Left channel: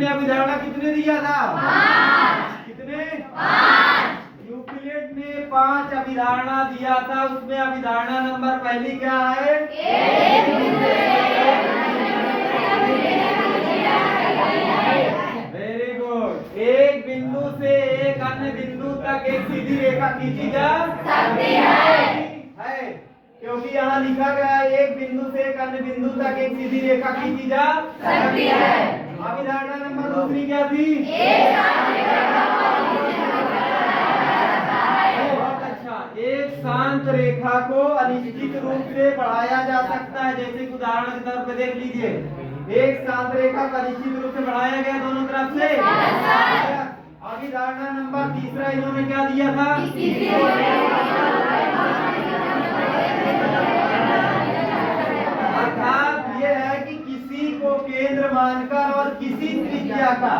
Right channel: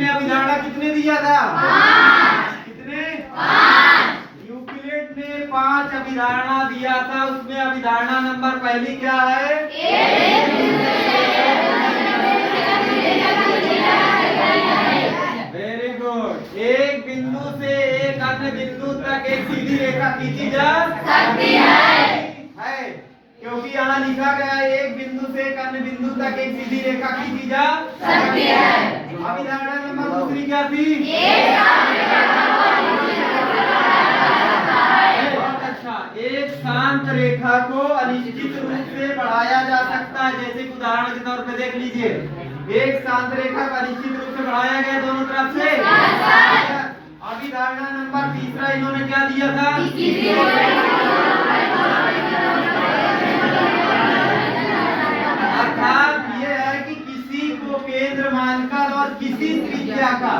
ने अभिधारणा कितने दिया था? 5। कितने? 5। यूक्लिड ने 5 अभिधारणा दिया था। उसमें अभिधारणा नंबर पहली क्या है? Very good. एक बिंदु से एक अन्य बिंदु तक एक सीधी रेखा खींची जा सकती है। क्योंकि यहाँ लिखा गया है एक बिंदु से एक अन्य बिंदु तक एक सीधी रेखा खींची जा सकती है। अभिधारणा नंबर दूसरी क्या थी? बहुत अच्छा। एक शांत रेखा को अनिश्चित रूप से बढ़ाया जा सकता है। जैसे कि उदाहरण के तौर पे देख लीजिए, एक शांत रेखा को अनिश्चित रूप से बढ़ाया गया दोनों तरफ से। अभिधारणा नंबर तीसरा इन्होंने क्या दिया था? अर्थात ये है कि किसी को केंद्र मानकर और किसी त्रिज्या का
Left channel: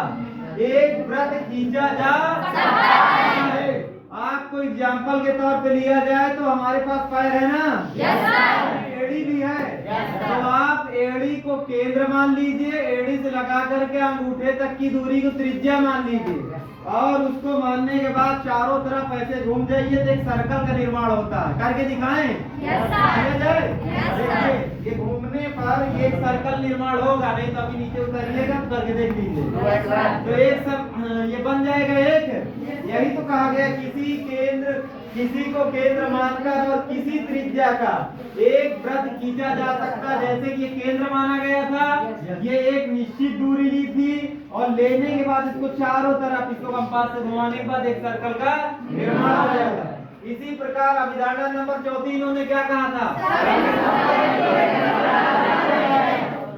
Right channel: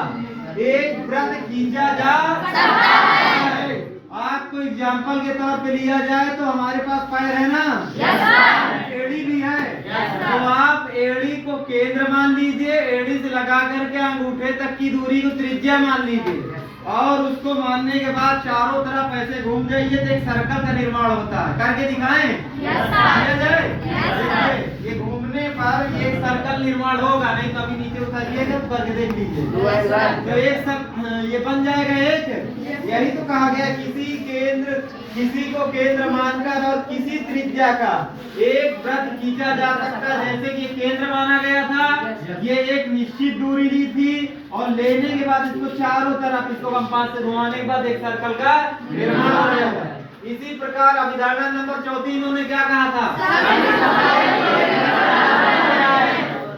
एक वृत्त खींचा जा सकता है। आपको एग्जाम्पल के तौर पे लिया जाए तो हमारे पास पैर है ना? एड़ी भी है। तो आप एड़ी को केंद्र मान लीजिए, एड़ी से लगा करके अंगूठे तक की दूरी को त्रिज्या मान लीजिए, और उसको मानने के बाद चारों तरफ ऐसे घूम जाइए तो एक सर्कल का निर्माण होता है। करके दिखाएं? किया जाए? ये घूमने पर ये सर्कल निर्माण होगा, नहीं तो अभी नीचे उतारिएगा तो करके देख लीजिए। तो एक सब ये बन जाएगा एक। यही तो कहा गया, किसी को केंद्र मानकर और किसी त्रिज्या का एक वृत्त खींचा जा सकता है। जैसे कि केंद्र माना गया था, ये एक निश्चित दूरी ली थी और लेने के बाद इसको चारों तरफ इसको कंपास से घुमाने के बाद एक सर्कल का निर्माण हो जाएगा। इसी प्रकार अभिधारणा नंबर 4 इन्होंने क्या कहा था?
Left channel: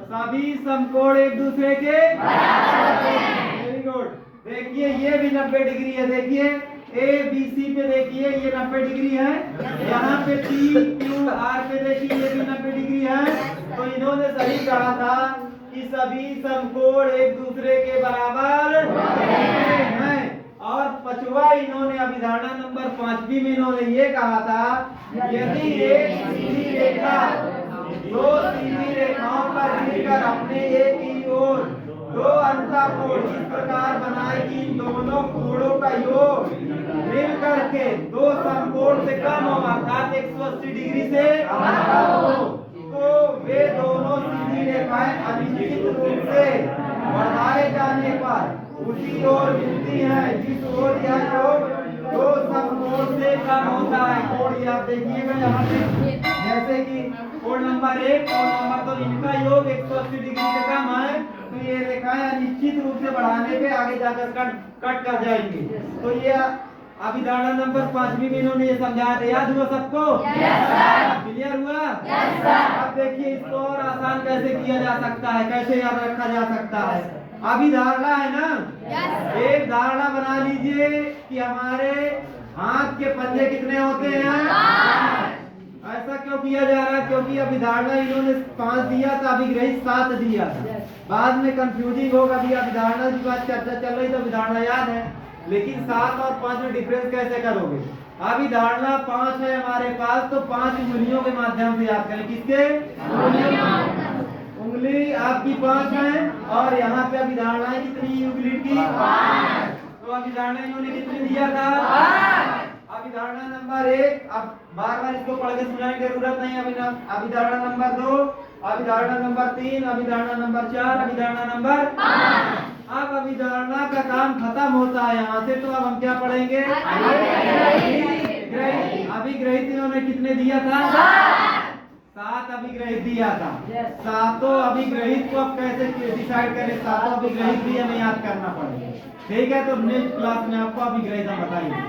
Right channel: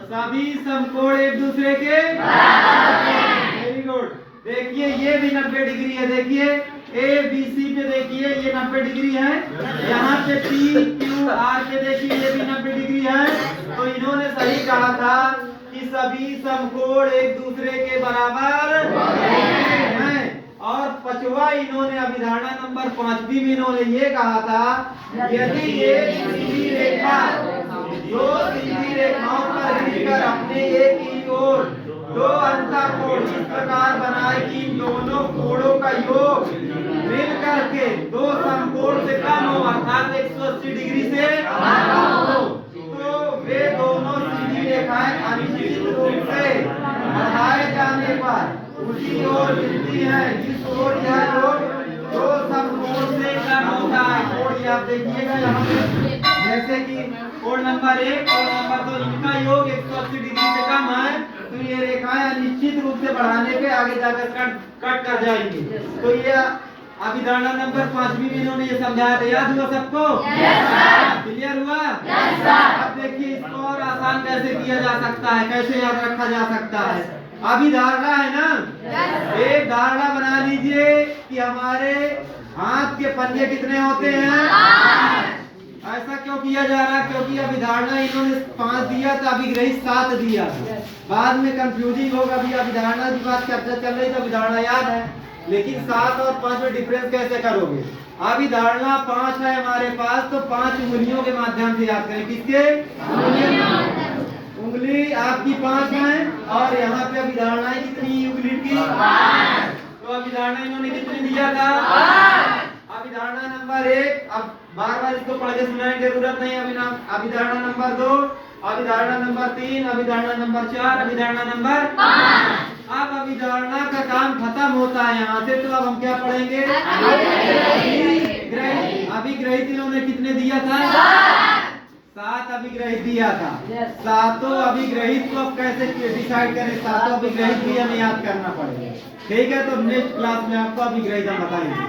सभी समकोण एक दूसरे के वेरी गुड। देखिए ये भी 90 डिग्री है। देखिए ए बी सी पे देखिए ये 90 डिग्री है। यहाँ पे पी क्यू आर पे देखिए ये भी 90 डिग्री है। तो इन्होंने सही कहा था कि सभी समकोण एक दूसरे के बराबर हैं। और पांचवा इन्होंने अभिधारणा नंबर 5 में इन्होंने ये कहा था, यदि एक सीधी रेखा दो सीधी रेखाओं पर मिलकर अपने एक ही ओर दो अंतःकोण इस प्रकार बनाए कि दोनों कोणों का योग मिल करके दो समकोण से कम हो, अर्थात 180 डिग्री से कम हो, तो वे दोनों सीधी रेखाएं अनिश्चित रूप से बढ़ाए जाने पर उसी ओर मिलती है जिस ओर यह योग दो समकोण से कम होता है। कोण ये आप देखिएगा यहाँ पे, जैसे कि कोण नंबर 1 और नंबर 2 इनका योग 180 डिग्री से कम है, तो ये रेखाएं अनिश्चित रूप से बढ़ाने पे आगे जाकर कट कर जाएंगी। तो ये अभिधारणा नंबर 5 में इन्होंने ये समझाया था। याद हुआ सबको? क्लियर हुआ? अब देखिए इसको और आसान कैसे किया जा सकता है, कैसे याद रखा जा सकता है। अभिधारणा है ना, एक धारणा बना लीजिए कि हमारे हाथ के पंजे कितने होते हैं। ऐसा क्यों किया जा रहा है? क्योंकि अभिधारणा इन्होंने 5 दिया था, अभिग्रहित 7 दिया था। बाद में कंफ्यूजिंग होगा। अभी अभिधारणा की बात चर्चा चल रही तो अभिधारणा याद है, लेकिन 7 और 5 में डिफरेंस कैसे करोगे? अभिधारणा 5 है हमारे पास, तो 5 उंगलियों के माध्यम से याद करें। किसके? उंगली आपकी 5 है और यहाँ पे अभिधारणा कितनी यूक्लिड की? 5। तो अभिधारणा इन्होंने कितनी दिया था? 5। अभिधारणा नंबर 1, अब बार-बार इसको पढ़ के सुनाने की जरूरत नहीं। अभिधारणा नंबर 2, अभिधारणा नंबर 3, अभिधारणा नंबर 4, अभिधारणा नंबर 5। अब अभिधारणा का काम खत्म होता है यहाँ से, तो अब हम क्या पढ़ेंगे? अभिग्रहित इन्होंने कितने दिया था? 7 अभिग्रहित दिया था। सातों अभिग्रहित को अब कैसे डिसाइड करें? सातों अभिग्रहित भी हमें याद करना पड़ेगा। ठीक है, तो नेक्स्ट क्लास में आपको अभिग्रहित हम बताएंगे।